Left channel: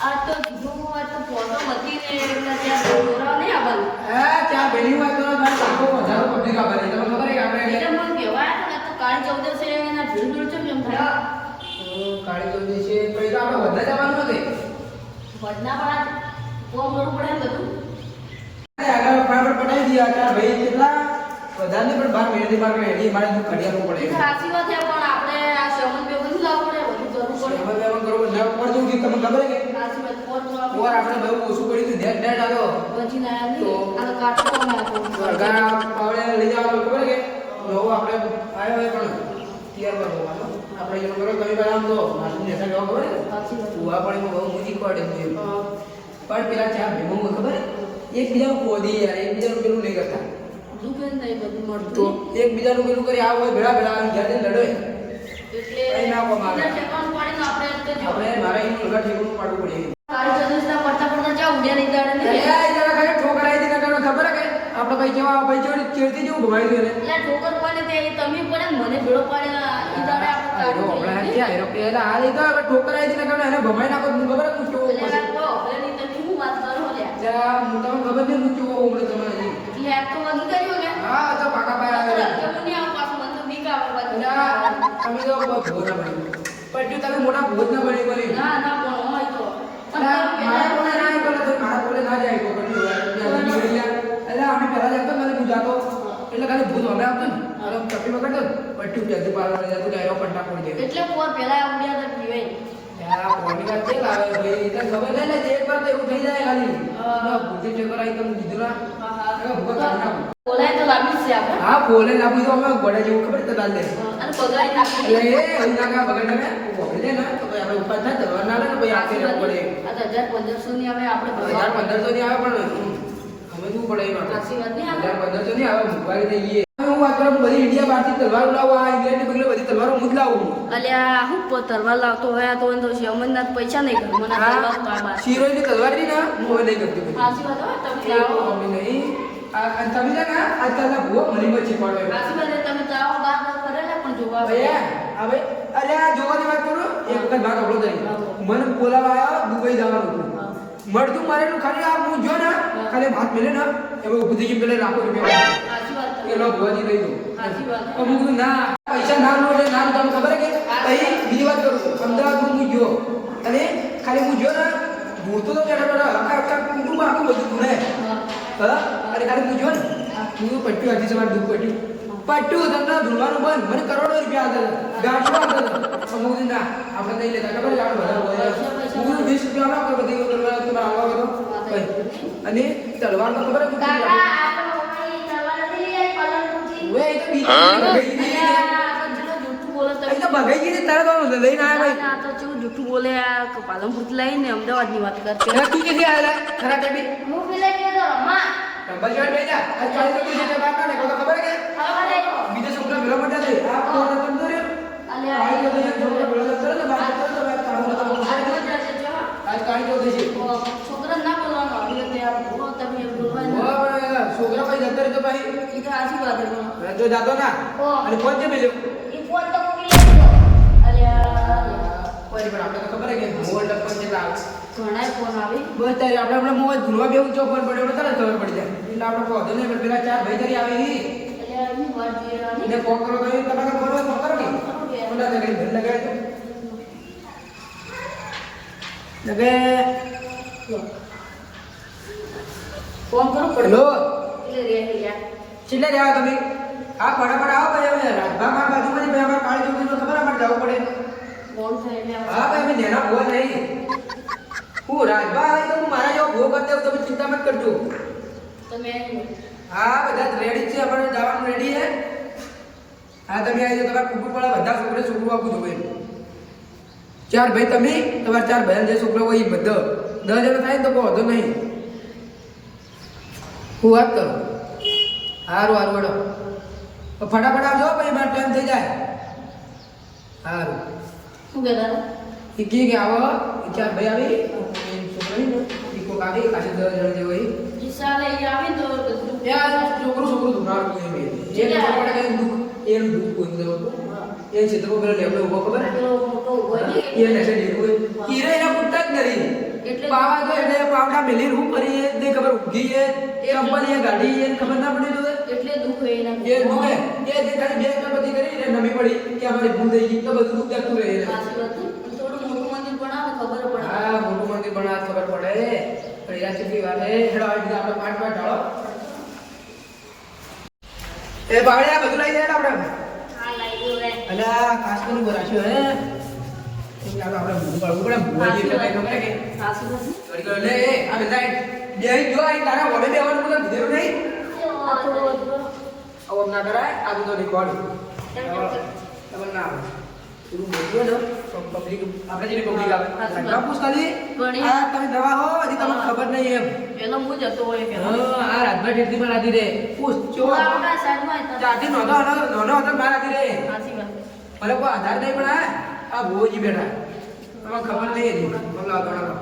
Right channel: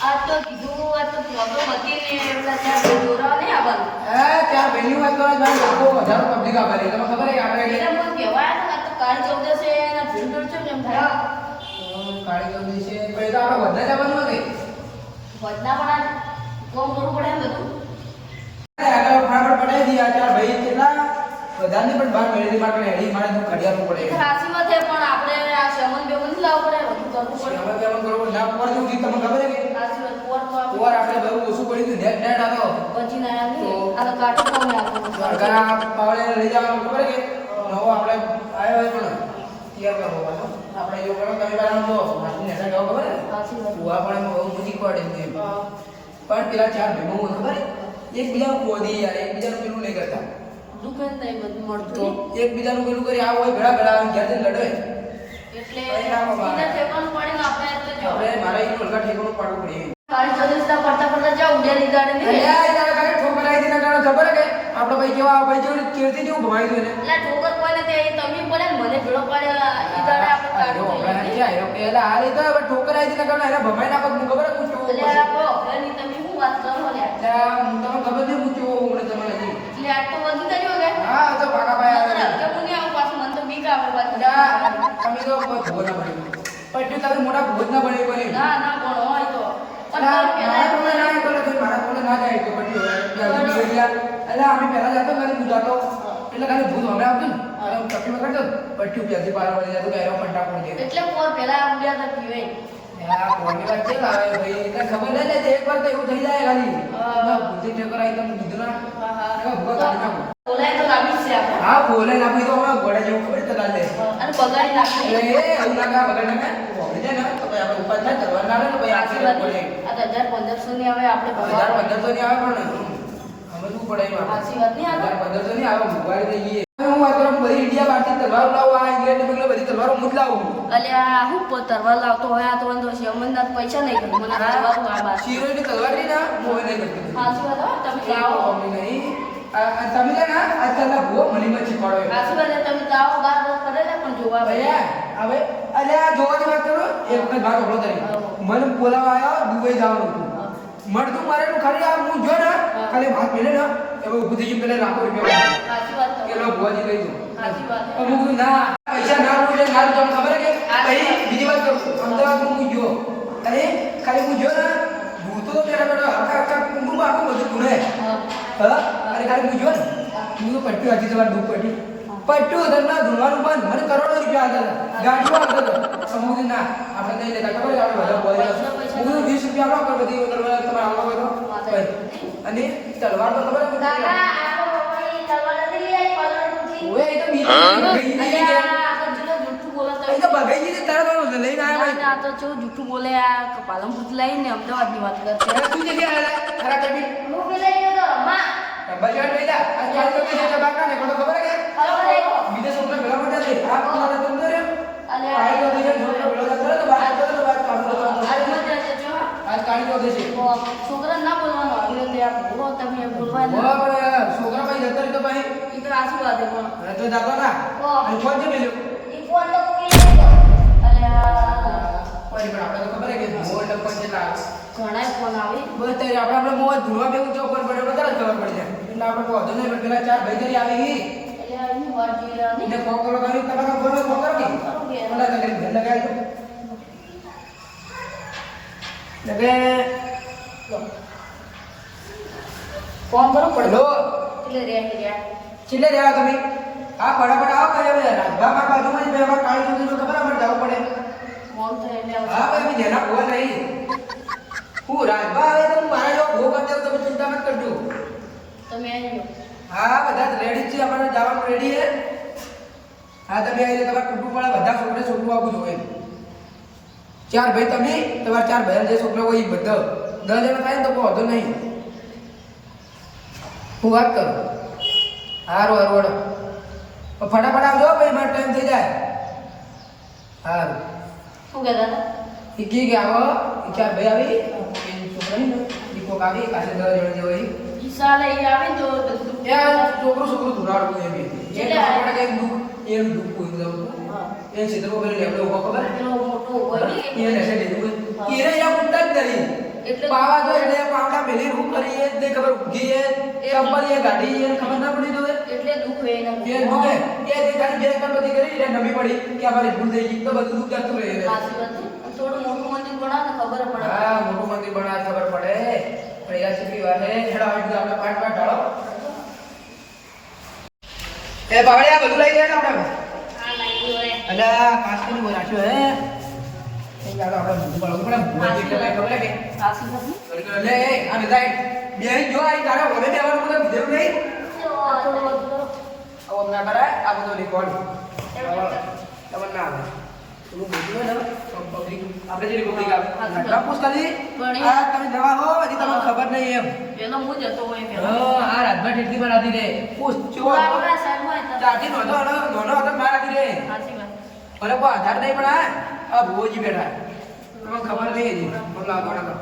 આ તો કીધું આ તો ફોટો બધી પેલા ત્યાં દોરા નહીં આવવાનું ત્યાં પહેલી વાત તો મારે બાપો વધારે પબ્લિક આવવાની તમને ખબર છે આપણે એટલે મને કહેવાય ને આ તો કાળી ચૌદસે એના ભીડ ભીડ છે એમ થાય કાળી જલ્દી છે પછી તો આપણે વધના જવાનું નથી વધના પણ આ કોમ કરવું પડે ને બધું આગળ ફટાફટ પટાવી દીધા ચાર ભાઈ કેટલા વધારે નહીં પણ બાર મહિનાથી મારે હેડી મારે તો ખડિયાનું પડે એ સાચી વાત છે પણ આપણે આ સેવન પેપર નહીં લાવવું પડે બધું કરવું પડે અમે બેમાં કરો ના પડતું કે તમને ખબર છે કે સાચી વાત પોર તો આપણે ઓર આપણે બહુ ઓછું પડ્યું હતું નેટ નેટ આતો બચી ના નહીં આ તો કાટો કોમ આપો વર્ગા પાવડે લઈ જવાનું ખબર છે કે નવો આપણે આવ્યો હોય પણ તૈયાર માં હોવાનો આપણે એવું કરો કઈ વાર આમ તો માસી નેતા ગયો ખબર છે સાચી વાત કુવા પાણીમાં બહુ મોટી પડે છે એમ પણ પેલા ચાર ભાઈઓ ખબર એકબીજાનું ખોદી યાર એકબીજાનું પેલું નહીં કરતા દુઃખ જ નહીં બધું તો મળતું એકબીજાનું પેલું કરી આવો હોય ભેળા ભેળા આવી ઘેર જઈને લડો એટલે કઈ ના કમાવે. એટલે ઠેકાણું પાડીને આપણે આ રીતે જો આપણે મારા અહીં ઉલગા ઠેકાણું પાડવું પડે કાળી ચૌદસના પડતા પડતા જા ઉડ્યા લીધા ને અરે આ ઈદારા ખાલી ઠોકર આવી દીના કારણે ખબર હે કે આપણે ભાઈ કેવા ભાઈ જેવું ચેડતી જેવું ભમાઈ દે ને એટલે ઠોકર કોઈને ત્યાં તમે પડે ને મને ભેળો પાડ્યા ઈ દાડે આપણે આયો કાઢું આપણે થઈ ક્યાં આયો પેલા આ લીધા હવે ઠોકર આવી દીના કારણે એને ભમાઈ નાખો મને ખબર હે પૂછ્યો એટલે આ તો હવે નહીં તમે શું વાત કરો લ્યા જરા તમને ખબર નહીં પૂછ્યો ઓમણે તમને હજી એટલે આ તો વધી કર્યો કે હા તો પાકા ભાઈ આવે નકર હરકે મુની આવું પાછું મને તો બીક આવે પાછું. એટલે તમે તો બહુ ભોજ ના બન્યું પણ તમે મોટા ભોજ ના બન્યું કોને ના ના પણ હોય તો પણ મારા કોલે ના આવે બોલે તો મારા કોલે ના જાય તો પછી હોય એટલે અમે પહેલા જતો ખાલી હું જાતો એટલે ખાલી ભૂત અમે આવતું ને અને તકલીફ કરતો પટ્ટું જલ્દી પાર વળી જતું કે એનો કંટા પડી જાય એટલે પોર પેલા ઉડ્યા તો પીવે આ કોની વાત છે લાવે ભાઈ તને ખબર નહીં લે એક વાર તો એવું થઈ જાય ખાલી ના ભૂતી ટેકર આવી તો હું કીધું ના હા હા એટલે ભૂત કાઢી નાખું બોલાય તો લાવી જ છે આપણે હા બોલે ના તો અમે ગોળે જેવું ખબર તો દાલ લે અને બગાડી નાખી એટલે એ એવું ના કા બગડ ના વાપરી દે ને તો પછી આપણે ઉપર થાય ચલવા ના આવે ને પછી સાચી આપણે વાત પડે આ તો 1500 ની હવે આપણે 1500 ની આવે પણ અમે શું પડે એમાં સાચી વાત નહીં આ 1500 ની આવે મુંબઈ જઈએ હું વાત કરું બધી ઇન્ડિયા બહારથી તલવાર લાવું આ ઇંગ્લેન્ડ ની બગલે બધી તલવારો હું જ લાવું અલ્યા હું તરવાર લાવતો હોય આ તો તો શમનના પૈસા નહીં કરું મને આ તરવાર માં બાર શીરો ની તલવાર ની ના મોય નહીં ગમતી સાચી વાત હો તમે લાવો અમને નહીં તમે છે ને આજકાલના ભૂવો મને મત શીખવાડો સાચી વાત છે, તમે લાવો બાર કરેલા પણ જોવા ભૈયા હવે અલે આ જોવાની વાત કરું એક વખત વાત ઓળો તરી મને બોલાવા આવ્યો દુબઈ જવાનું હતું મળતું મારેલું ખાલી આ હું જો ને ખાલી હાથ મેલે ને એમાં ઊભું થઈ ગયું પેલા લાખો રૂપિયા સાચી વાત કે લો ભુવાજી લઈ દો સાચી વાત તો હું કીધું ના પૈસા ના લો એટલે ના લો તમને ખબર હે કે પછી બીજી વાત કરું અમદાવાદમાં હું જો અને ખાલી હું જો ને ભૂતો તો બેઠા બેઠા આખા કુટુંબમાં આખું બધું ગુણે હા અને ખાલી હું જો ને હું પટ્યું હતી સવાર દુઃખ પટ્યું તમને ધૂળવાનું બંધ મને કરોડો રૂપિયા આવતા ગાડીમાં આવતા સમૂહ ના આપણે નહીં લેતા ખબર છે આપણે બધા બોલે હું 20 રૂપિયા આપો બધી તલવાર તમારે આવવા બધો અને તલવાર તો ખબર છે ઓએ એ તો બીજી જૂઠું બોલતા એ તો બગાઈ ગઈ તલવાર લઈને આવ્યા ના તો કેવું જૂઠું બોલે આ પાલનપુર લઈને અમદાવાદ ની વાત કરશે અરે તું કે આયા ખરા કબી હું પેલા ગયો તો રમવા બજાર બેલા આજ કાલે તો કે બાત ના ને ખબર કે બીજો છોકરા ભેલા મજા છે આ કોણ તમને રે અને આઈ તો દેજે છોકરા ભેલા જતા ને વાત તો વાત કાઢો આજ મજા છે જો આજ કાઢી તો દેજે છોકરા ના બોલવાનું આવી રીતે આ બોલો તમે બોલવાનું ઓ છોકરા ભાઈ જતા રે તો ભાઈ એ તો આજી વાત છે પણ તો જાતો ના અને ફોન જે મેલ્યો એ ફોન તો મૂકી દીધો અલ્યા કોઈ પણ આપણે તો ખબર હે કે મોડ લપન જેલા આવે ઘણાય ફોન આવી બસ ત્યારે આપણે મોજ ધૂળવા બેવું ચોકર પડે એટલે તરત ખબર પડી જાય એટલે આપણે કહો નહીં પણ પેલા ચાર ભાઈ તરી આવી અલ્યા હું વાત જોઈ રહ્યા ને ફોન કરો તમે તમારા ફોન માં કરો કે મને નગરી ભર લગાય તો લગે ફોન કરો પડલો એટલે રહ્યા છેલ્લે રહ્યા તમે આ ફટાફટ આવો ભાઈ અમે રાજભા માં બાજુમાં જ ભાઈ અમાર કાળી ચોકી ખબર અમારે જવું પડે મોડું થાય એટલે હા ભાઈ અમે નેના ભૂવા નહીં હું રાજભા આવે તો હું મારા જેવો ભૂવો કરી દઉં તમે ચિંતા મત કરજો તમે આવી હા બધા રેડી છે આપણે જવાનું રેડી છે હા તમે આવી જાઓ તમારા કુટુંબ વાળા બધા છોકરું આપું જોવે ચાર ભાઈ તમે તમારા ચાર ભાઈ જે છોકરા હોય એ બધા 10 જણા થાય ને તો કોઈ વાંધો નહીં હું વાત કરું હારું હારું વડો ફટાફટ આવજો ભાઈ મારો ટાઈમ થઈ જાય હારું શું કહેતા હતા એ કે આવો એ ચાર ભાઈ આવી એ છોકરા ને એ કોક આવી કાલે 10 જણા જેવો એ ઈ સાલે ઈ આવે તો બધું છોકરું ધુરાડું એ બી એ ખબર પડે કે દુઃખ એનું દુઃખ કોઈ બધા એ ક્ષેત્રમાં પેલો લેબડો ઉભો ખબર પેલો મોટો ઉભો ને એ લેશે ઢીકું ઈરે એના પૂછતા જ નહીં એટલે પાવા જો એટલે પાવડા મેલી રૂ કરી એ દે ખબર ઉગી એ કંપની એ ગાડી એ ખબર ના પડી તો એટલે દુખ હોય એના એ દુખે કે જે ખાલી બે કંપની કરી એટલે નમી પડી કે અમારી ભૂલ થઈ ગઈ તો બધું દુખ જતું રહે સાચી વાત છે અને થોડું મોટું મંદિર બનાવ ને ખબર પડે હા મોટું મંદિર બનાવ ખબર પડે પણ એના ચીકલી વાત હે હેડો આવી રીતે આપણે પાંચ ઢાળો એ બાવળે આ બધું લઈ લે આપણે હા લાઈટ લો રે અલા કાસ્ટની બોરાશો હે એ યાદ આપણે ભૂલ પાડવું પડે ભૂવાજી એટલે કઈ ખબર કે સાચી વાત કરી કરો લે એ આ બેસાઈ બે જો આઈ તારા ઓલે બેવાનું મને કીધું નહીં આવો ના કરાય આ બધું રેકોર્ડ ખબર ના આવે થોડું બોલ્યો ને પબ્લિક આપણે જેની પબ્લિક આવે ના પૂછ ખાલી આ તમે દવા હો હજી તમને ખબર નહીં એમ પેલો હું જતો હોય હા આ રાતભર ટેટલી પર આધી રે પૂછ ચો આપણા સાઈડમાં ચાટી નોનો હતો બાર આધી રે સાચી વાત ભલે કોઈ આધાર નહીં પણ આ ભુવોજી બેઠા તમને ખબર નહીં હજી મને લાવો ના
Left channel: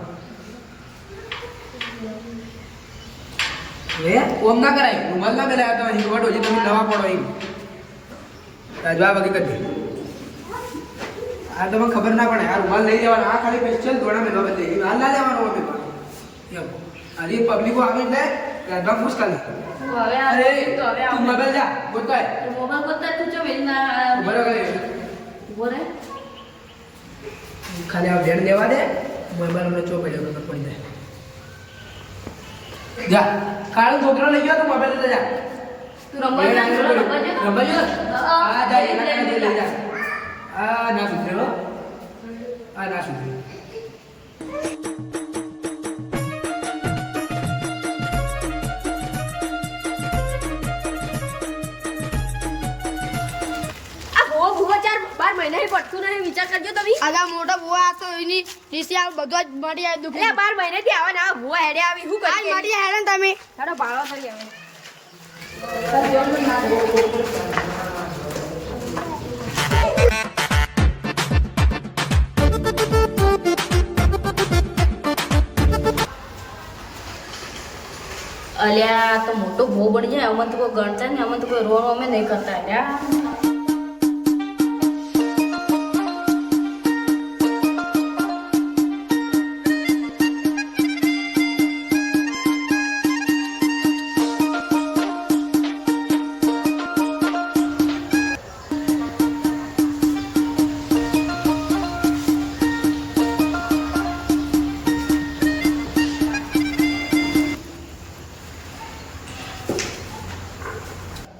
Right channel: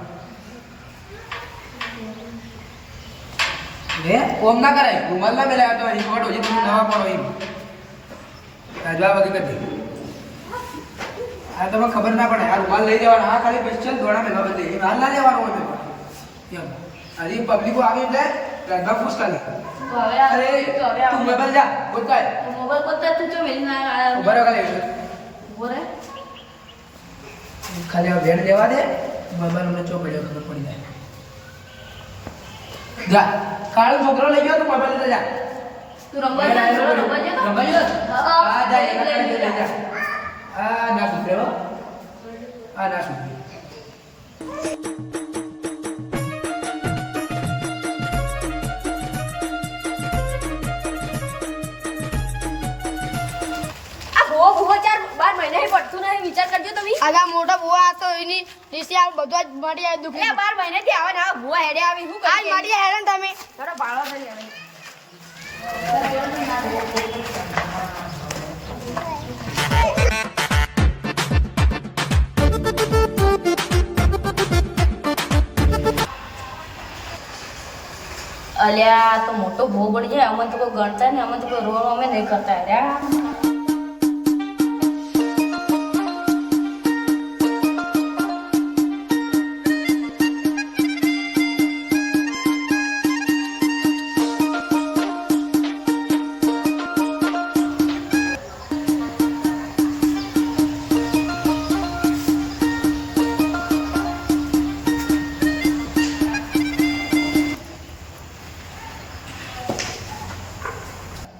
લે ઓમ ના કરાય રૂમાલ ના મેલાય તમારી કોટ હજી તમે નવા પડો એમ રાજવા વગી કરી આ તમને ખબર ના પડે આ રૂમાલ લઈ લેવાનો આ ખાલી સ્પેશિયલ દોડા મેલવા બદલે એ હાલ ના લેવાનો હોય એમ આલી પબ્લિકો આવી એટલે રાજવા પૂછ ખાલી હવે અરે તું મોબાઈલ જા બોલતાય મોબાઈલ પર તું જો વેલી ના બરાબર ઉભો રે ખાલી આ વેડ લેવા દે મોબાઈલ મને ચો પડ્યો ખબર પડી જાય જા કાળો છોકરો લઈ ગયો તું મોબાઈલ લેતા જા તું રમવા જા રમવા જો આ જા એના લઈ જા આ ના સુધર્યો આ ના સુધર્યો પડતું નહીં વિચાર કરજો તમે આગા મોટા ભુવા આ તો એની નીચે આ બધું જ મળી આવે દુખી 12 મહિનાથી આવે ને આ ભૂવા હેડે આવી શું આજ મળી હેડે ને તમે ચાલો ભાળો થઈ આવે અલ્યા તો મોટો ભો પડી જાય અમને તો કોઈ ગણતા ને અમને તો કોઈ રોડ અમે નહીં કરતા યાર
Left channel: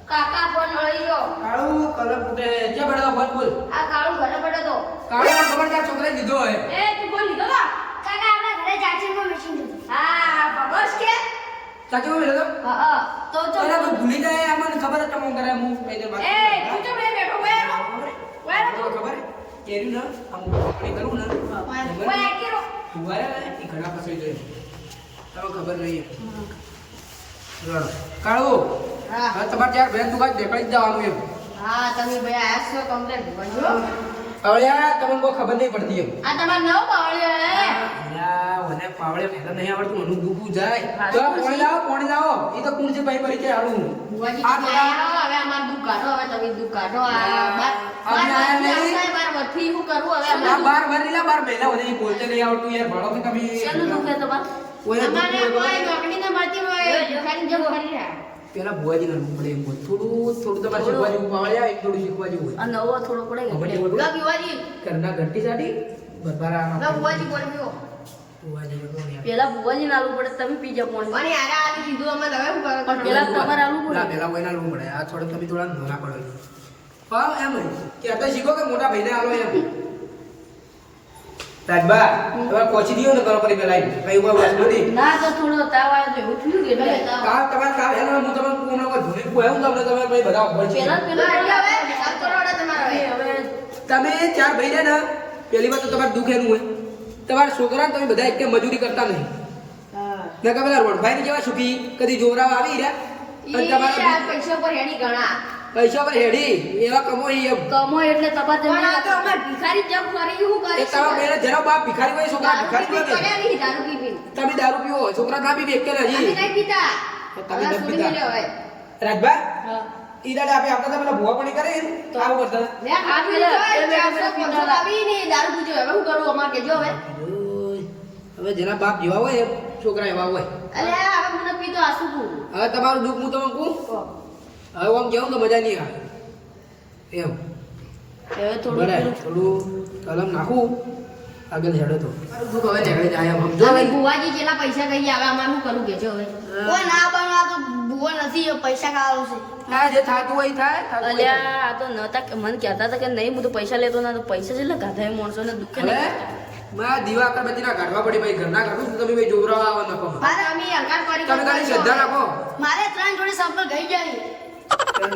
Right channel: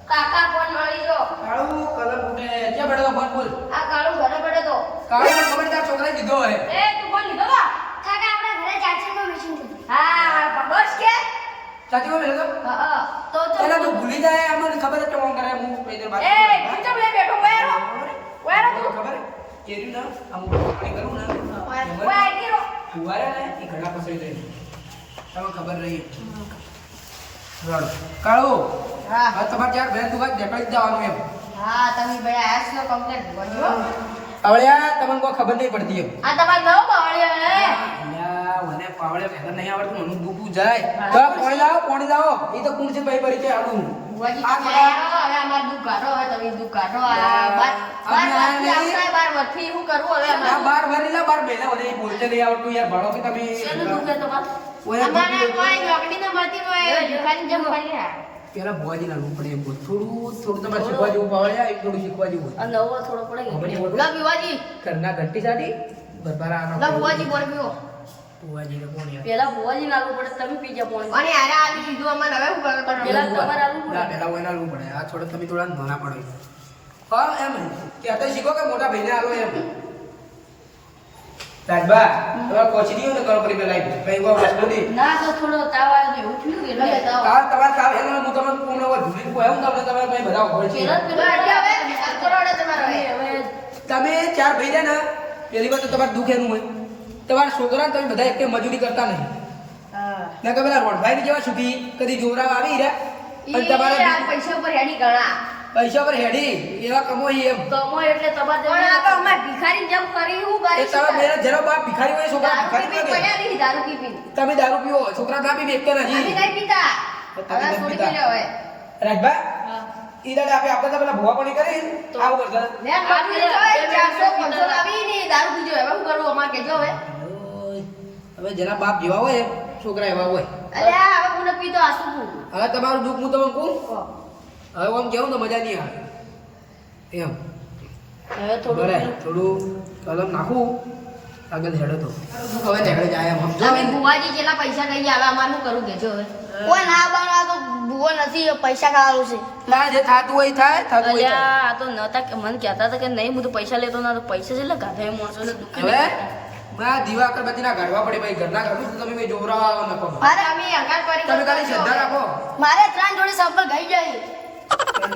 કાકા ફોન મળી ગયો કાળું કલર ફૂટે ક્યાં બેઠો ફોન બોલ આ કાળું ઘરે પડે તો કાળું ખબર તાર છોકરાએ દીધો હે એ તું ફોન લીધો કા કાકા આપણા ઘરે ચાચીમાં બેસી દીધું હા બસ કે ચાચી માં બેઠો હા તો પેલા તો ભૂલી જાય આમાં ખબર જ કેમ કરે હું કઈ દે વાત એ તું ચમ લે બેઠો બેરો વેરો તો ખબર હે કેરી ના આમ કઈ કરું ને ઓય કેરો તુવારે ને એ ઘણા પસંદ જાય તમે ખબર નહીં રડો કાળો હા હા તમારે ચાર બેન તું કાંઈ દેખાડી જ જવાનું એમ હા તમે ભાઈ આયા છો કમ્પ્લેટ બોલજો પાવળિયા તમને કોઈ ખબર નહીં પડતી એમ આ તમાર નવો બાવળિયો હે યા મને પાવળે ફેલા નહીં આવડતું મને દુખું જાય તો પાણી લાવો એ તો કુણ છે ભાઈ પરિચય આલું બુવાજી આ તમે આયા હવે અમાર દુખ કાઢો હવે તમે દુખ કાઢો આ બાર બાર વથી શું કરવું હવે અમે આ બાર વરીલા બાર મહિના મને બોલતે નહીં આવડતું યાર ભાડો કે તમે શેનું દુખ હે તમાર ઓય અમારે કોઈ નોકરીને મળતી હોય ખાલી જમ પડી રહ્યા પેલા ભુવાજી ના પડે એમ બોલ થોડું તમારે શીખવા જેવું પાવળિયા એક થોડું શીખવા જેવું હોય આ નવો થોડો પડે ખબર છે કે બોલ લા બુવાજી કરના ઘંટી સાડી બરબારા લા બુવાજી બોલ પીવો ભુવાજી ને કોણ યાર પેલા ભુવાજી નાલું પડે તમે પી જા પાણી અને યાર આ કીધું અમાર હવે હું કરવા પેલા કરવાનું તમારે આલું પડે ના પેલા કોઈને આલવું પડે આ થોડા તમે થોડા નાના પડો હા એમ કે તો શીખો કે મોટા ભાઈને આલો એમ રાજબા તમારે પહોંચી ગયો ને કરો પરી પેલા કઈ વાર વસ્તુ નથી ના તો થોડો તાવ આવે છે ઉઠ્યું કે એટલે તાવ કાલ તમારે કાલ હેલો હું તમને હમણાં વાર ભૂલી ગયો હું તમને તમે ભાઈ બધા ખબર છે પેલા પેલા હવે આ કરોડા તમારો હવે તમે ચાર ભાઈ રહ્યા ને પહેલી વાત તો તમારે દુઃખ એનું હોય તમારા છોકરા તમે બધા એક મજૂરી કરતા નહીં હા ના કે પેલા રોડભાઈ ને કેવા છૂટી કદી જોરાવ આવી રહ્યા અને તમારા પૈસા પર હેડી ગણા પૈસા પર હેડી એવા કમોઈ એમ કમો એટલે તમારે પણ આ તો અમે ભિખારી જેમ કરી હું એ કરીશ તમે મેરા જરા બાપ ભિખારી હોય છોકરા ભિખારી દારૂ ને પીને દારૂ પી તમે દારૂ પીવો છોકરા ના પીવે એક અમે હજી નહીં પીતા તો તમે હવે નથી છોડી પીતા. દેજો હવે રાજબા હા ઈ દાડે આપણે આપતા હતા પેલા ભૂવા પાણી કરી તો આવું કરતા હતા. લે ખાવું તો 400 500 લાવી ને દારૂ પીજો હવે શું કરું અમાર કેજો હવે ઓય, હવે જેના બાપ જેવા હોય એમ છોકરા એવા હોય. અલે હવે મુને પીતો આસુ કુ હવે તમારું દુઃખ હું તમને કહું હવે આમ કેવું તો મજા નહીં આવે એમ હવે બરાબર થોડું કલમ નાખું આગળ હેડો તો મારું દુઃખ હવે નીકળી જાય એમ સમજો તમે બુવાજી જેટલા પૈસા કઈ આવે અમાર શું કરું કેજો હવે કોઈ ના બનવા તો બુવો નથી પૈસા ખાવાનું છે ના જે થાતું હોય થાય થાતું હોય થાય. અલ્યા આ તો નતા મને કહેતા હતા કે નહીં હું તો પૈસા લેતો ના તો પૈસા છે એટલે ગાધા માણસોને દુઃખ હવે મારા દીવા અગરબત્તીના કાઢવા પડે ભાઈ ઘરના કાઢું તો તમે ભાઈ જોવરાવા આવા નાખો મારે અમે હલકા કરી તમે ખાલી શ્રદ્ધા રાખો મારે 3 જોડી સંપલ ગઈ જાય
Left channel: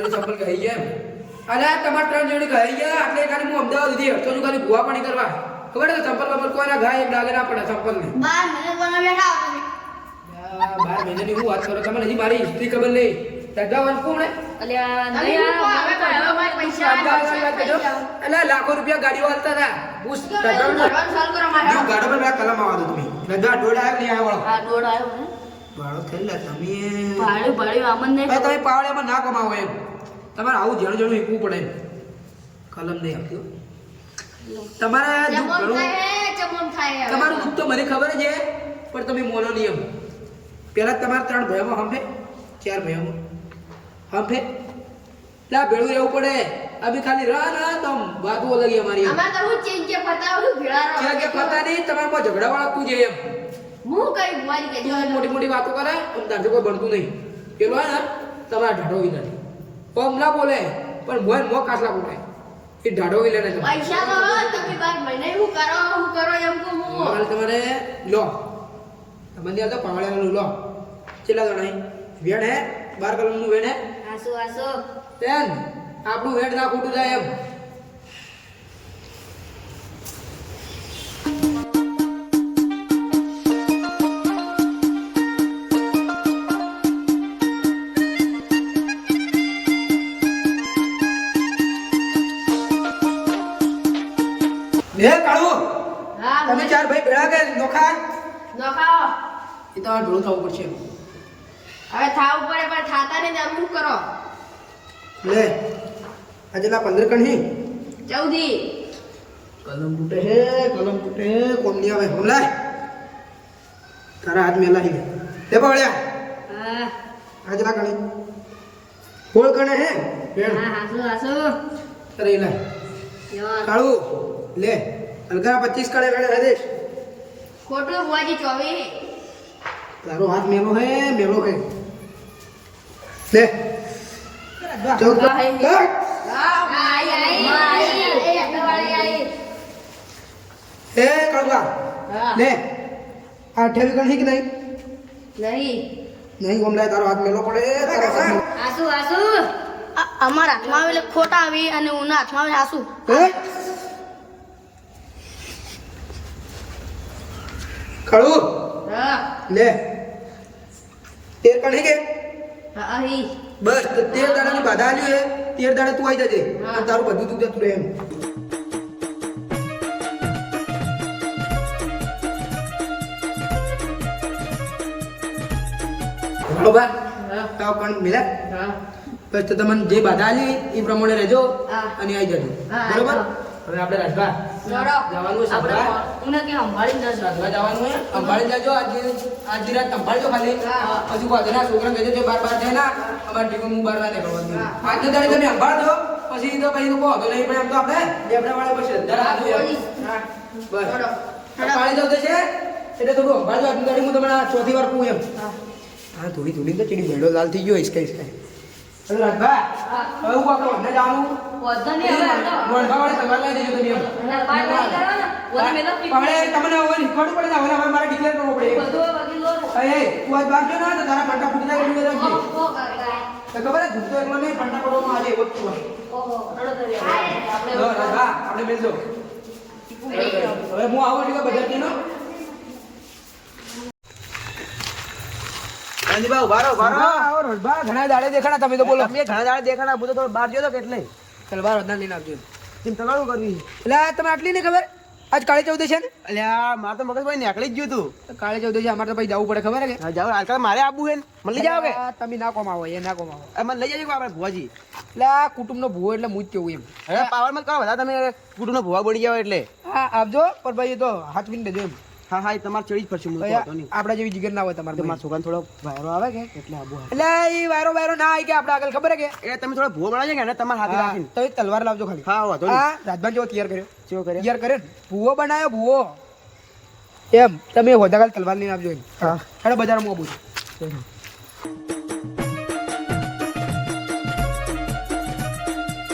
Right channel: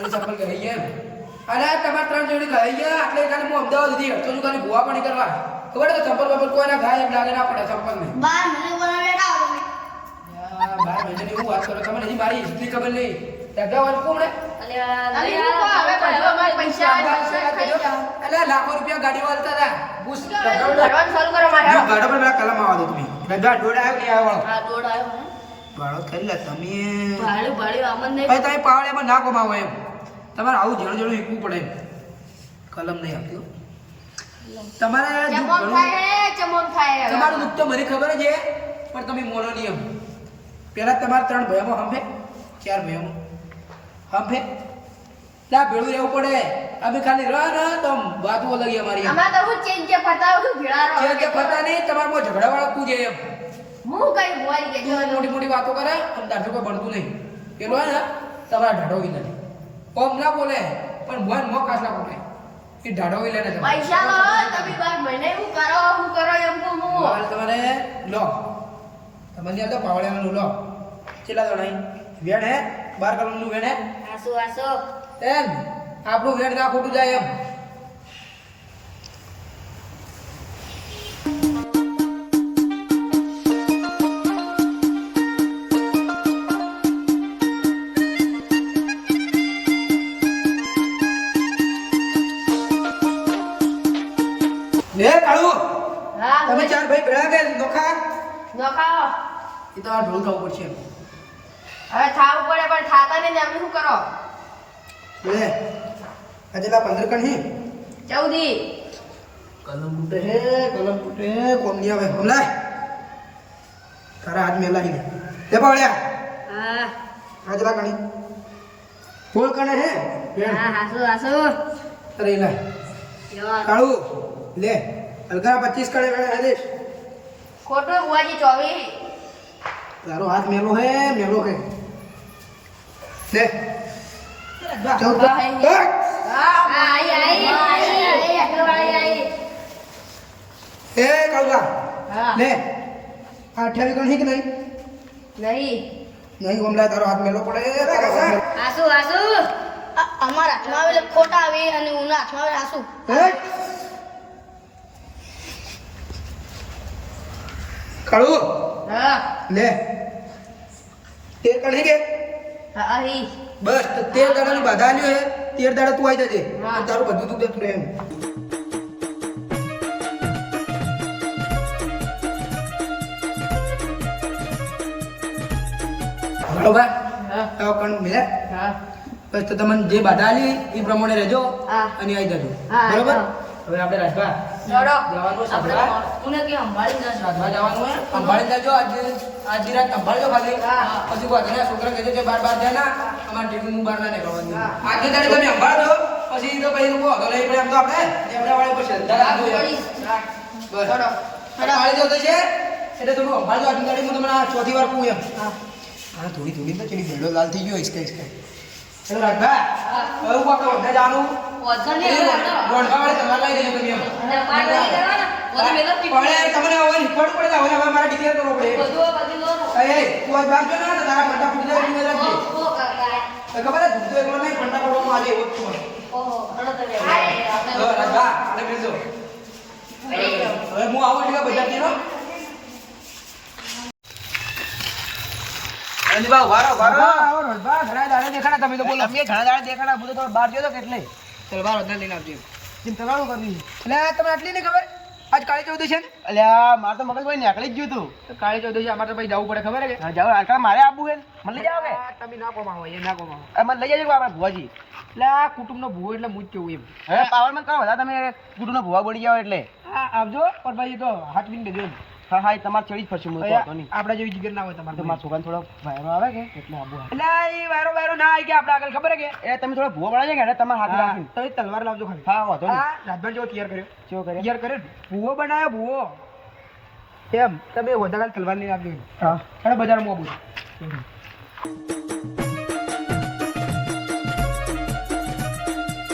સંપલ કહી ગયા અરે તમારે 3 જોડી કહી ગયા એટલે ખાલી હું અમદાવાદ સુધી હટતો છું ખાલી ભૂવા પાણી કરવા ખબર છે સંપલ બપલ કોઈના ઘાય ડાગે ના પડે સંપલ ને 12 મહિને કોને બેઠા હો તમે 12 મહિનાની હું વાત કરું તમને હજી મારી હિસ્ટ્રી ખબર નહીં તગાવાનું કોણ અલ્યા અલે હું કો હવે કોઈ અમારે પૈસા અલ્યા લાખો રૂપિયા ગાડીઓ હાલતા હતા બુસ ભરવાનું ચાલુ કરો મારે જો ગાડો પર પેલા કલમ આવવા દો તમે નગા ડોડા આવ્યો નહીં આવ્યો વાળો આ દોડ આવ્યો હે વાળો થઈ લે તમે ભાડ્યું ભાડ્યું આમન નહીં હવે તમે પાવડિયામાં ના કમાવો એમ તમારે આવું જણ જણું શીખવું પડે એમ કલમ નહીં આપતી હો. તમારે દુઃખ ચમોમ ઘણું- થાય ચમોમ થાય હવે. તમારું દુઃખ તો મને ખબર જ છે પણ તમે મોનો નિયમ પેલા તમારા 3 ભાઈઓમાં હંભે 4 ભાઈઓમાં હંભે લા ભેળું રહેવું પડે અભી ખાલી રહ ને તો વાતો લગી અમારી એમ. અમારે તો હું ચેન્જ કે ફરતા હું ભેળાનો કે પતા નહીં તમારામાં ઝઘડા વાળા તું છે એમ હું કઈ મોરી કે જો મોટી મોટી વાતો કરે અને તારથી કોઈ બનતું નહીં પેલો હે ને તમારા ઢાઢો વિલન પમ ના બોલે પણ મોય મો કાસલા બોલે એ ઢાઢો વિલન છે તમારો. પૈસા લો તમે ભાઈ મને હું કરો એમ કહું હું હવે તમારે લો તમને આવતો પાવડિયાનું લો કેટલા જણાય વેણ હે 12 કલમનું વેણ હે આસુ આસુ તેન આપણું વેણ ના ખોટું જાય એમ લે કાળુ હા તમે 4 ભાઈ ભેળા કે નોખા નખાવો એ તમારે ભેળું થવું પડશે હવે થાવ પડે પણ થાતા ને તમે શું કરો લે આજેલા 15 કણ હે 14 કલમ ફૂટે કોમ નહીં આવે હમલાય તારા હાથ મેલા હી લે પાવળ્યા હા આજેલા કણી બોલ કણે હે વેણ હા આસુ આસુ અરે લે કાળુ લે હલકા 25 કણે વેણ આદેશ ખોટું બુવાજી 24 તારો હાથ મેલો હે લે 14 હા આઈ અગરવાળી આઈ એ કાળુકા હા લે આ 28 કણ હી કે નહીં નહીં નહીં ઓમલાય તારો હાથ મેલો પડે તારો હાથ મેલો આસુ આસુ અમારા હાથમાં આવેલે ખોટા આવી અને ઉના હાથમાં આવે આસુ હે કાળુ હા લે 13 કણ હી કે હા આઈ બસ 13 દાડાની બાધા આલ્યો હે 13 દાડા તું આવી જજે હા. અને તારું બધું તું જતું રહે એમ બરોબર હા આવો કણ મિલે હા બસ તો તમને જે બાધા આલી એ પ્રમાણે રહેજો હા. અને આવી જજો હા, બરોબર હા. હવે આપણે રાજભા દોડો જવાનું સાંભળા તું કે સંભાળી જશે રાજભા જવાનું હોય સંભાળી જજો આજે રાત સંભાળજો ખાલી હા. પછી કોઈ અધૂરા છોકરા કહેજો કે બાર જાય ના અમારે ટીવી હું બાર ના નીકળવાનું હા. આજે દાડે તમે સંભાળજો પછી તો પછી લોકો અધો નહીં પડે એમ તો આપણે લેબડા વાળા પર શ્રદ્ધા રાખજો એમ. હા બસ દોડો. સંભાળી જતો છે એટલે થોડું સંભાળજો આજની દાડે હું તમને આ ચોથી વાર કહું એમ હા હા થોડી તો ચીડી ભેડો લાલ થઈ ગયો હિસકા ચલો રાજભા હવે હું આપણે વંદા જવાનું વજન નહીં હવે હેડો. વણવાવાળી તમારે લઈ દેજો તમે એમ. અને પાટ નહીં કરવાના. વજન મેલો પીપી. હવે તમને હવે નીકળવું પડે ને, હવે મારે ડિક્લેર કરવો પડે બધું લો ને. એ તું આ બાપ જો ના તો તારા પટ્ટા ફૂટી જાય એની રાખજે ઓ કાકા. તો ખબર હે ધૂળતો એકલો નહીં પટ્ટા પડવામાં આજે એવો જ છું ઓહો રડો તો રે. જો રાજભા આપણે બેસજો હવે હું આવું એટલે બજાર નો અંજબા ઉભા રહો આવો રાજભા ઘણા દાડે દેખાણા તમે તો બોલો તમે ઘણા દાડે દેખાડા હું તો થોડો બહાર ગયો તો કેટલે ચલ બાર વધા લઈને આવજો ચિંતા કરવું કરવી એટલે તમે આટલી નહીં ખબર આજ કાળી ચૌદશ છે ને? અલ્યા મારે તો મગજ ભાઈ નીકળી જ ગયું તું. કાળી ચૌદશ અમારે તો ભાઈ જવું પડે ખબર હે કે? હા, જાઓ આજકાલ મારે આબુ છે ને. મને લઈ જાઓ કે તમે ના કોમાવો એ ના કોમાવો મને લઈ જજો આપણે ભુવાજી. એટલે આ કુટુંબનો ભૂવો એટલે હું જ કેવું એમ. હવે પાવરમાં કરો બધા તમે કુટુંબનો ભુવા બની જાઓ એટલે. હા આવજો પણ ભાઈ એ તો હાચવીને દેજો એમ. હા હા, એ તમારે ચડી જ પડશે. હું તો હતો નહીં. આપડા જેવી જીગર ના હોય તો તમારે. મારા છોકરાને થોડો વાયરો આવે કે એટલે આબુ આવે. એટલે એ વાયરો ના આવી કે આપણે આગળ ખબર હે કે એ તમે થોડો ભુવો બનાવજો કે એને તમારે હાથે રાખીને. તો એ તલવાર લાવજો ખાલી. હા વાંધો નહીં. હા રાજભાન જેવો તૈયાર કર્યો. ચેવો કરે? તૈયાર કરે ભૂવો બનાવ્યો ભૂવો એમ તમે હોદા ખાલી તલવાર લઈને આવજો એમ. હા. હેડો બજારમાં આવું છું.